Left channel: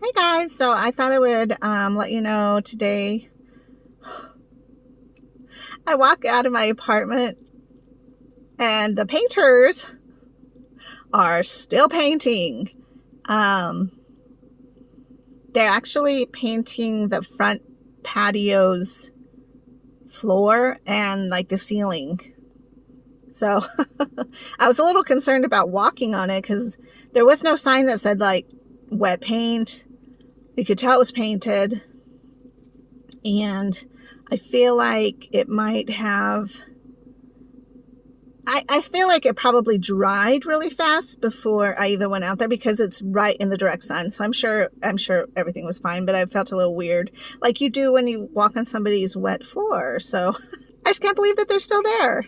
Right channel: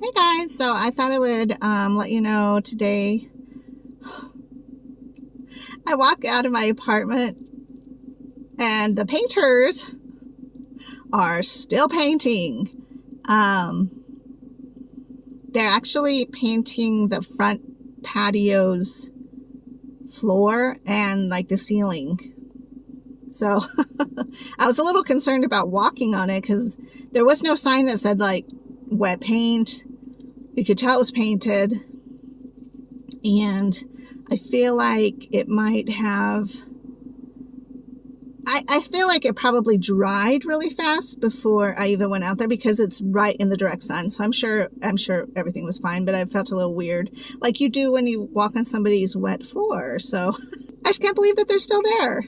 Hey guys, so I thought I would let you know today I walk out of my apartment and the painters are still painting. Um, they're actually painting the front patio's floor and like the ceiling. So I was a little concerned about walking on it because there was no sign that said like wet paint. You could tell it was painted. And I feel like it might have, I feel like it probably dried really fast before I even went out there because it's right in the direct sun. So I'm sure everything was fine, but I felt a little weird, like you do when you walk on somebody's wet floor. So I just can't believe that they're still there.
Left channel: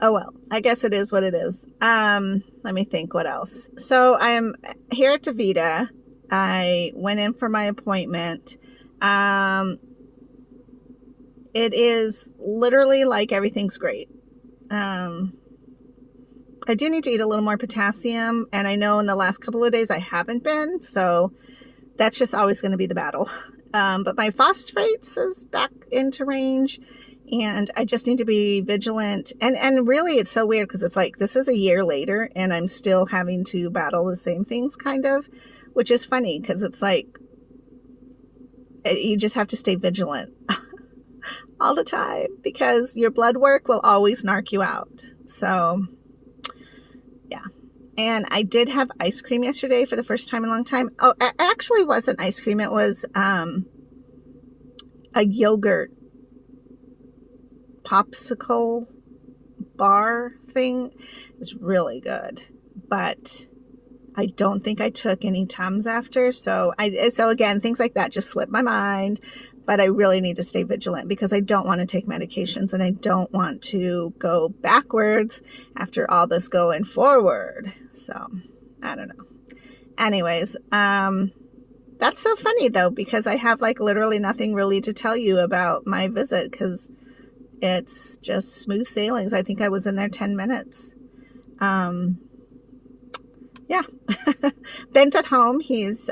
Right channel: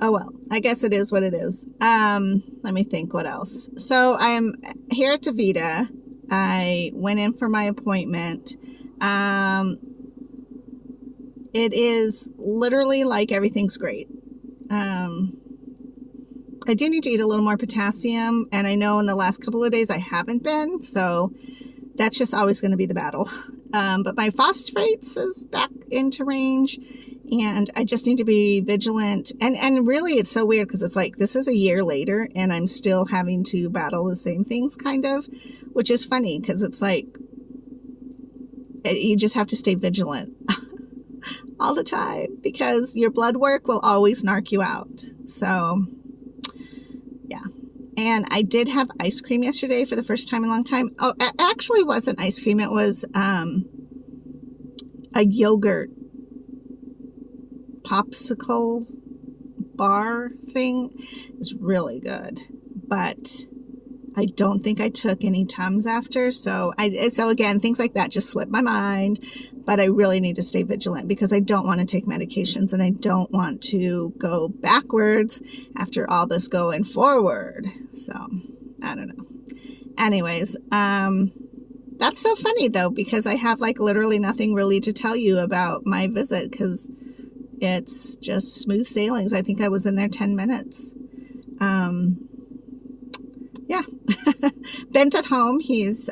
Oh well, I guess it is what it is. Let me think what else. So I'm here at Davita. I went in for my appointment. It is literally like everything's great. I do need to eat a little more potassium, and I know in the last couple of days I haven't been, so that's just always going to be the battle. But my phosphates is back into range, and I just need to be vigilant. And really, it's so weird because it's like this is a year later, and I'm still having to battle the same things, kind of, which is funny because it's like you just have to stay vigilant all the time because your blood work will always narc you out. So yeah. And I did have ice cream yesterday for the first time in a long time. Oh, it actually wasn't ice cream. It was a yogurt popsicle bar thing. It was really good, but I don't think I took any Tums after. So again, things like that just slip my mind, but I really need to stay vigilant because I don't want to take medications and I don't want to go backwards after all this going forward. So I don't know. Anyways, that's so funny though, because I have like literally nothing really to tell you about my visit because it's just smooth sailings. I think I was in there 10 minutes. Yeah. Ben's at home. He's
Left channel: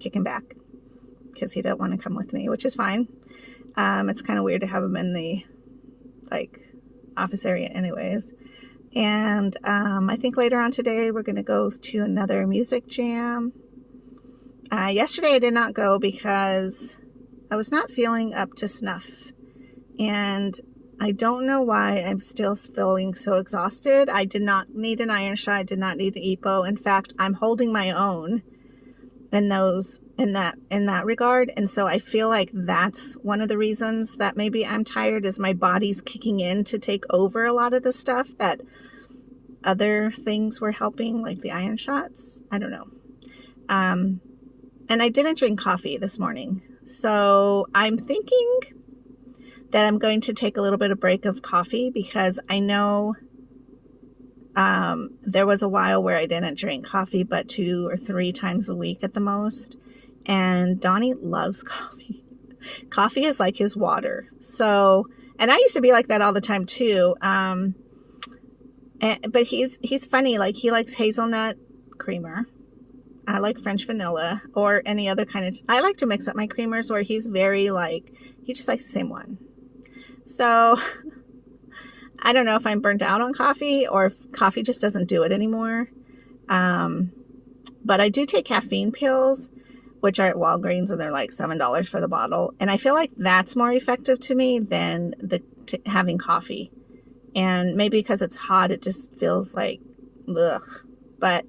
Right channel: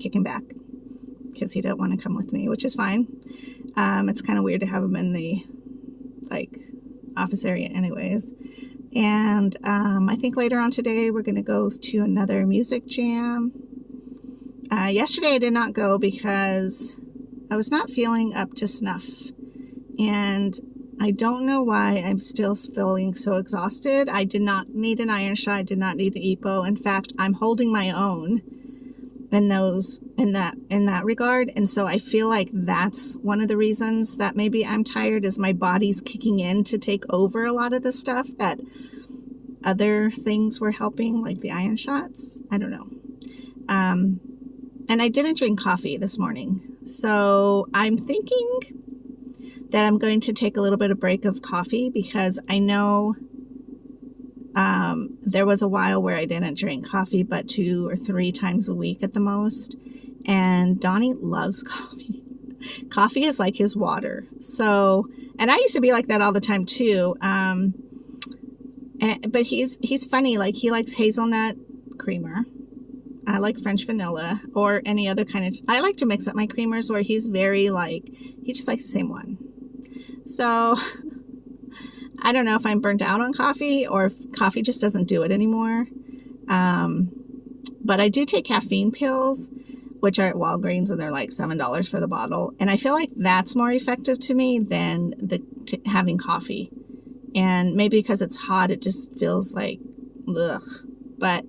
kicking back because he didn't want to come with me, which is fine. It's kind of weird to have him in the like office area anyways. And I think later on today we're going to go to another music jam. Yesterday I did not go because I was not feeling up to snuff. And I don't know why I'm still feeling so exhausted. I did not need an iron shot. I did not need an EPO. In fact, I'm holding my own in that regard. And so I feel like that's one of the reasons that maybe I'm tired is my body's kicking in to take over a lot of the stuff that other things were helping, like the iron shots. I don't know. And I didn't drink coffee this morning. So I'm thinking that I'm going to take a little bit of break of coffee because I know there was a while where I didn't drink coffee but 2 or 3 times a week at the most. And Donnie loves coffee. Coffee is like his water. So, and I used to be like that all the time too. But he's funny. Like he likes hazelnut creamer. I like French vanilla or any other kind of, I like to mix up my creamers where he's very like, he just likes the same one. So I don't know if I'm burnt out on coffee or if coffee just doesn't do it anymore. But I do take caffeine pills, which are at Walgreens, and they're like $7 for the bottle. And I feel like that's more effective to me than having coffee. And maybe because it's hot, it just feels like, ugh. But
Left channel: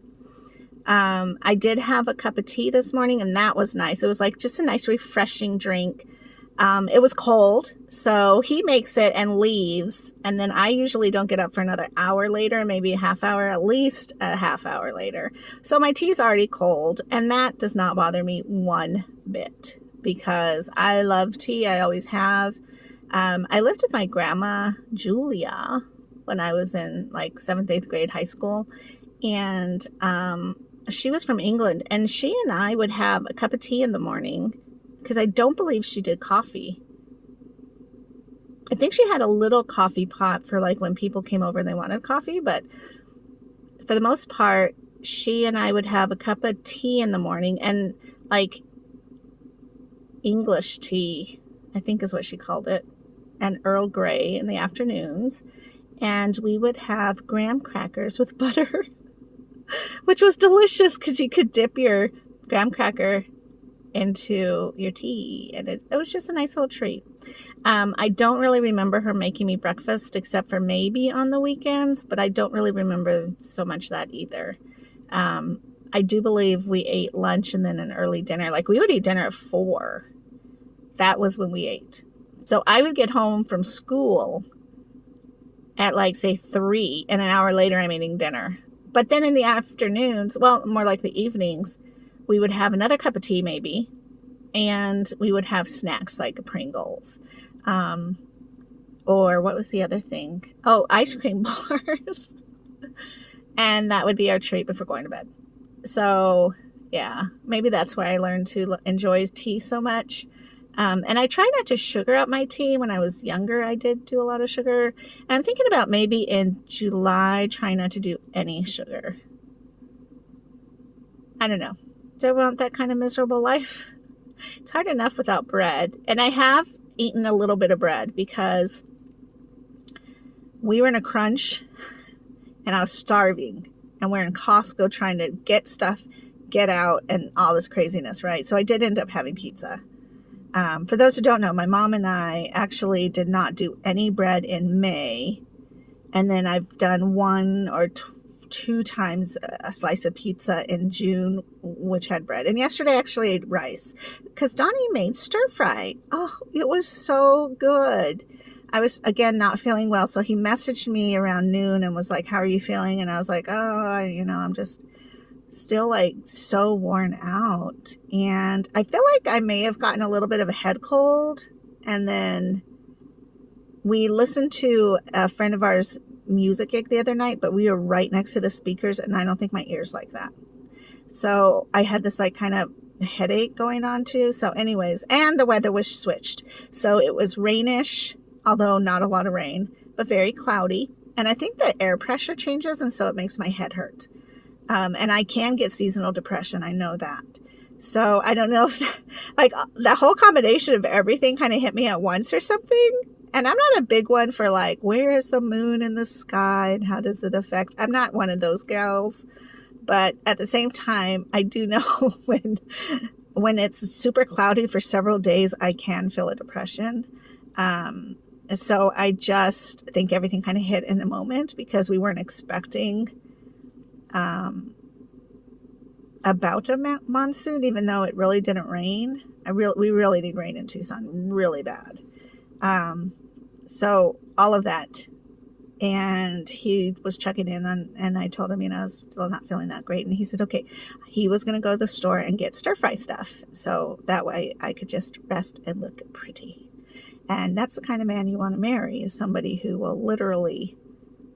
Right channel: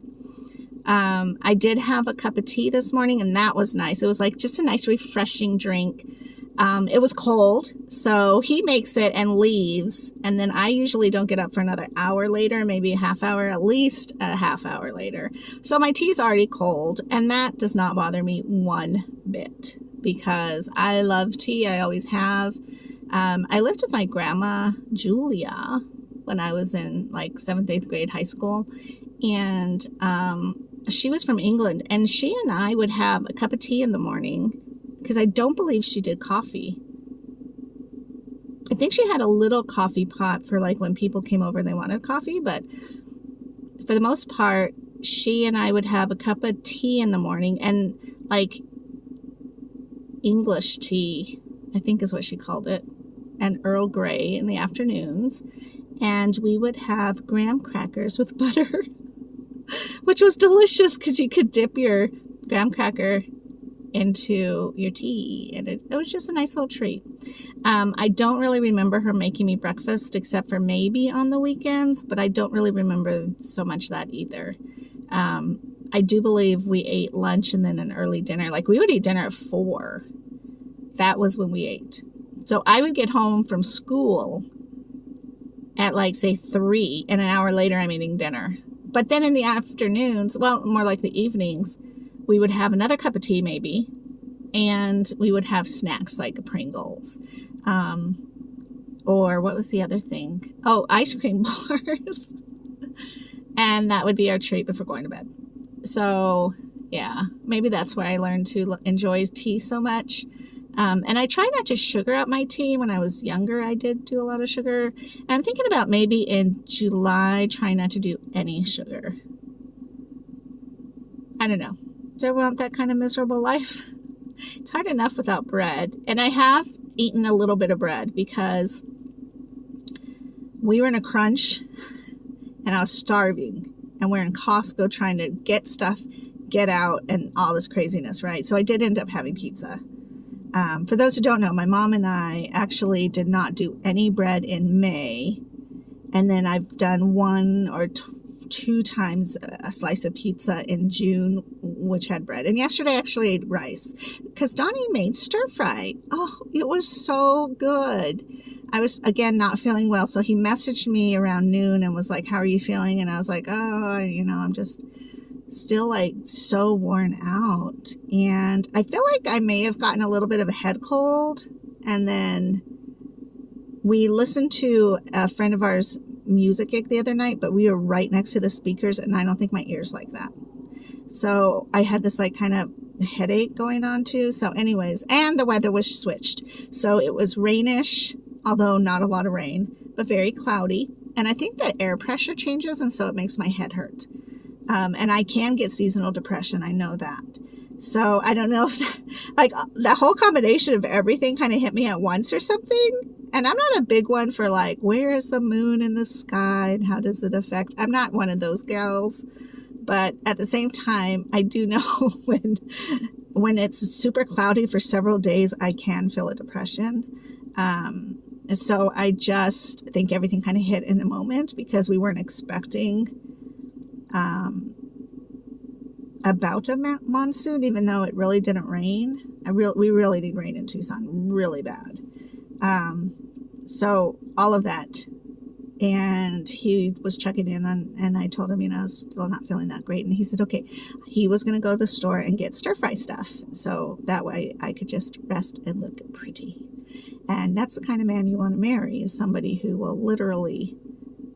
I did have a cup of tea this morning, and that was nice. It was like just a nice, refreshing drink. It was cold, so he makes it and leaves, and then I usually don't get up for another hour later, maybe a half hour, at least a half hour later. So my tea's already cold, and that does not bother me one bit because I love tea. I always have. I lived with my grandma, Julia, when I was in like 7th, 8th grade high school, and she was from England, and she and I would have a cup of tea in the morning because I don't believe she did coffee. I think she had a little coffee pot for like when people came over and they wanted coffee, but for the most part, she and I would have a cup of tea in the morning, and like English tea, I think is what she called it, and Earl Grey in the afternoons. And we would have graham crackers with butter, which was delicious because you could dip your graham cracker into your tea, and it was just a nice little treat. I don't really remember her making me breakfast except for maybe on the weekends, but I don't really remember so much that either. I do believe we ate lunch and then an early dinner. Like, we would eat dinner at 4. That was when we ate. So I would get home from school at like, say, 3, and an hour later I'm eating dinner. But then in the afternoons, well, more like the evenings, we would have another cup of tea maybe, and we would have snacks like Pringles. Or what was the other thing? Oh, ice cream bars. And that would be our treat before going to bed. So, yeah, maybe that's why I learned to enjoy tea so much. And I try not to sugar up my tea. When I was younger, I did do a lot of sugar. And I'm thinking about maybe in July, trying not to do any sugar. I don't know. Do I want that kind of miserable life? It's hard enough without bread. And I have eaten a little bit of bread because we were in a crunch and I was starving. And we're in Costco trying to get stuff, get out, and all this craziness, right? So I did end up having pizza. For those who don't know, my mom and I actually did not do any bread in May. And then I've done 1 or 2 times a slice of pizza in June, which had bread. And yesterday I actually ate rice because Donnie made stir fry. Oh, it was so good. I was, again, not feeling well. So he messaged me around noon and was like, how are you feeling? And I was like, oh, I'm just still like so worn out. And I feel like I may have gotten a little bit of a head cold. And then we listened to a friend of ours music gig the other night, but we were right next to the speakers, and I don't think my ears like that. So I had this like kind of headache going on too. So anyways, and the weather was switched. So it was rainish, although not a lot of rain, but very cloudy. And I think the air pressure changes, and so it makes my head hurt. And I can get seasonal depression. I know that. So I don't know if like the whole combination of everything kind of hit me at once or something. And I'm not a big one for like, where is the moon in the sky and how does it affect? I'm not one of those gals. But at the same time, I do know when it's super cloudy for several days, I can feel a depression. So I just think everything kind of hit in the moment because we weren't expecting about a monsoon, even though it really didn't rain. We really need rain in Tucson, really bad. So all of that. And he was checking in and I told him, I was still not feeling that great. And he said, okay, he was going to go to the store and get stir fry stuff. So that way I could just rest and look pretty. And that's the kind of man you want to marry, is somebody who will literally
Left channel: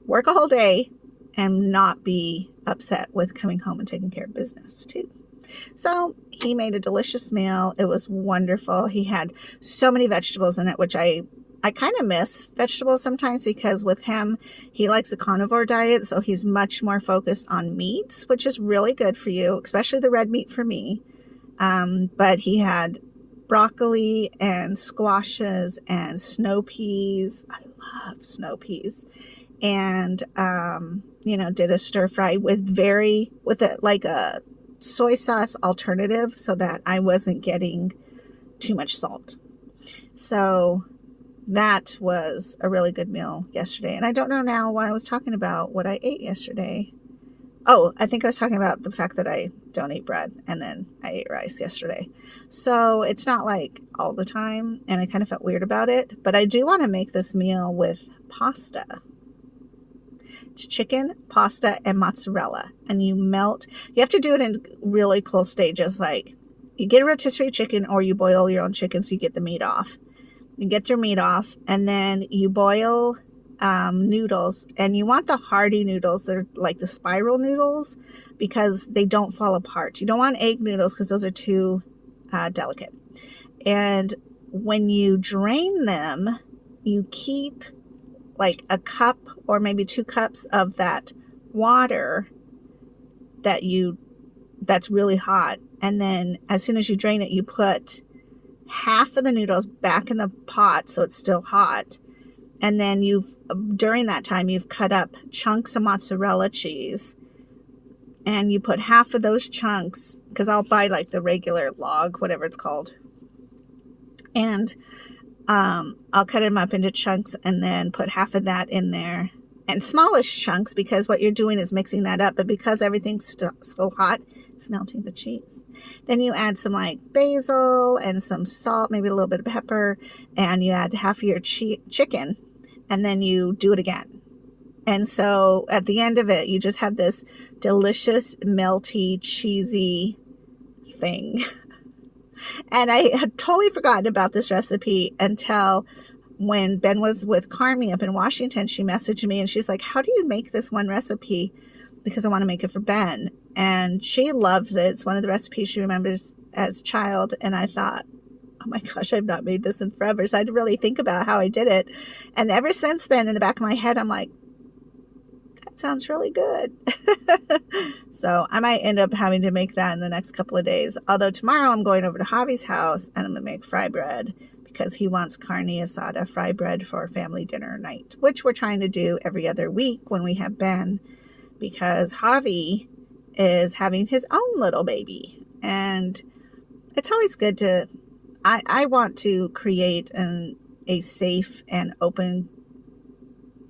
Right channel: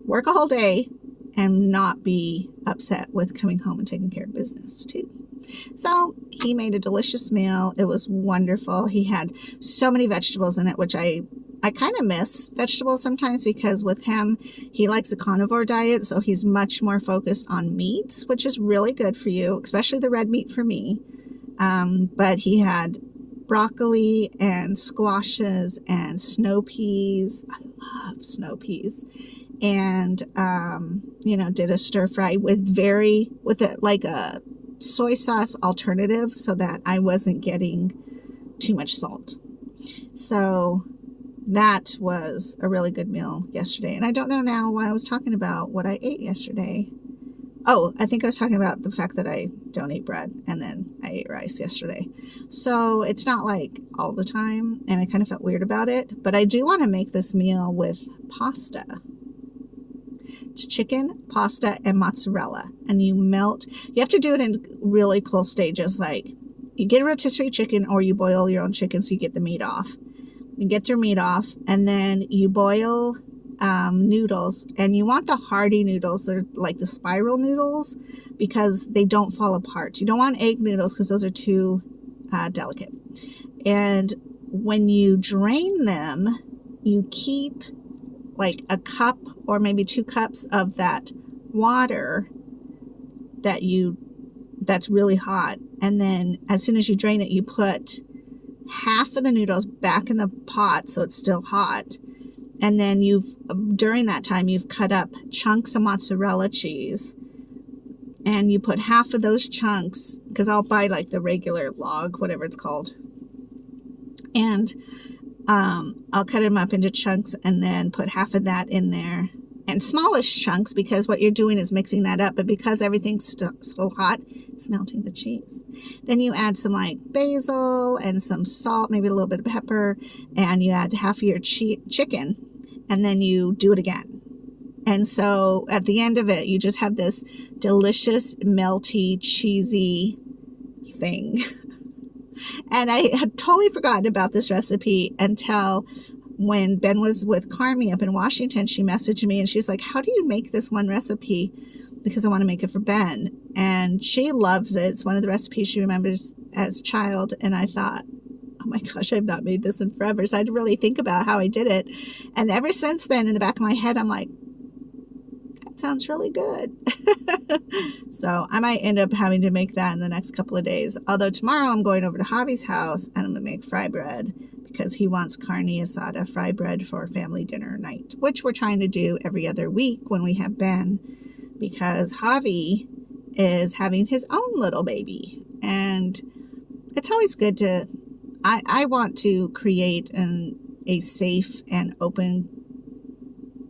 work all day and not be upset with coming home and taking care of business too. So he made a delicious meal. It was wonderful. He had so many vegetables in it, which I kind of miss vegetables sometimes because with him, he likes a carnivore diet. So he's much more focused on meats, which is really good for you, especially the red meat for me. But he had broccoli and squashes and snow peas. I love snow peas. And, did a stir fry with a soy sauce alternative so that I wasn't getting too much salt. So that was a really good meal yesterday. And I don't know now why I was talking about what I ate yesterday. Oh, I think I was talking about the fact that I don't eat bread and then I ate rice yesterday. So it's not like all the time, and I kind of felt weird about it. But I do want to make this meal with pasta. It's chicken, pasta, and mozzarella. And you have to do it in really cool stages. Like you get a rotisserie chicken or you boil your own chicken so you get the meat off. You get your meat off and then you boil noodles. And you want the hearty noodles. They're like the spiral noodles because they don't fall apart. You don't want egg noodles because those are too delicate. And when you drain them, you keep like a cup or maybe 2 cups of that water that's really hot. And then as soon as you drain it, you put half of the noodles back in the pot so it's still hot. And then during that time, you've cut up chunks of mozzarella cheese. And you put half of those chunks, because I'll buy like the regular log, whatever it's called. And I'll cut them up into chunks and then put half of that in there. And smallish chunks, because what you're doing is mixing that up. But because everything's so hot, it's melting the cheese. Then you add some like basil and some salt, maybe a little bit of pepper. And you add half of your chicken. And then you do it again. And so at the end of it, you just have this delicious, melty, cheesy thing. And I had totally forgotten about this recipe until when Ben was with Carmi up in Washington. She messaged me and she's like, how do you make this one recipe? Because I want to make it for Ben. And she loves it. It's one of the recipes she remembers as a child. And I thought, oh my gosh, I've not made this in forever. So I had to really think about how I did it. And ever since then, in the back of my head, I'm like, sounds really good. So I might end up having to make that in the next couple of days. Although tomorrow I'm going over to Javi's house and I'm going to make fry bread because he wants carne asada fry bread for family dinner night, which we're trying to do every other week when we have Ben, because Javi is having his own little baby. And it's always good to, I want to create a safe and open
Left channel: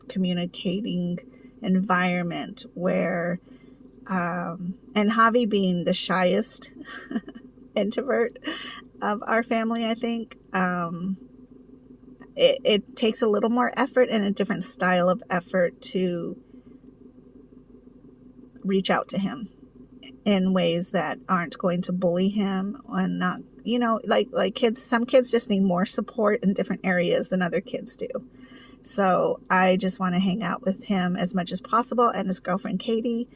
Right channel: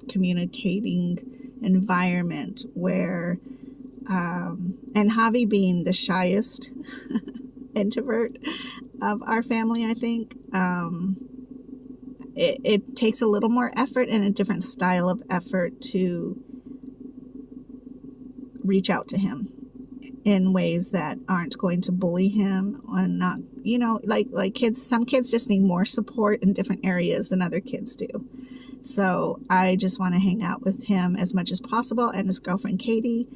communicating environment where and Javi being the shyest introvert of our family, I think it takes a little more effort and a different style of effort to reach out to him in ways that aren't going to bully him and not, like kids, some kids just need more support in different areas than other kids do. So I just want to hang out with him as much as possible, and his girlfriend Katie,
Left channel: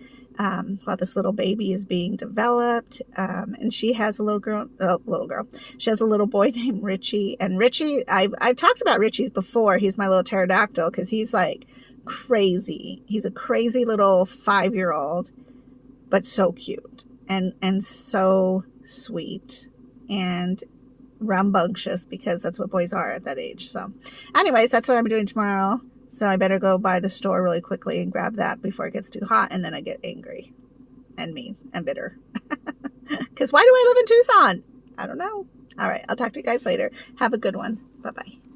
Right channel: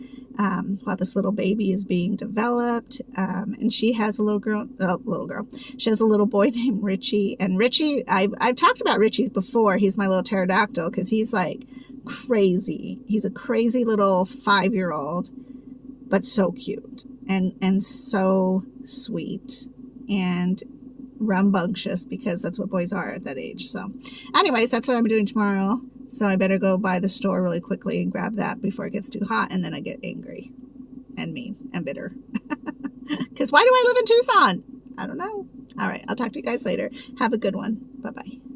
while this little baby is being developed. And she has a little girl. She has a little boy named Richie. And Richie, I've talked about Richie's before. He's my little pterodactyl because he's like crazy. He's a crazy little 5-year-old, but so cute and so sweet and rambunctious, because that's what boys are at that age. So anyways, that's what I'm doing tomorrow. So I better go by the store really quickly and grab that before it gets too hot, and then I get angry and mean and bitter. Because why do I live in Tucson? I don't know. All right, I'll talk to you guys later. Have a good one. Bye-bye.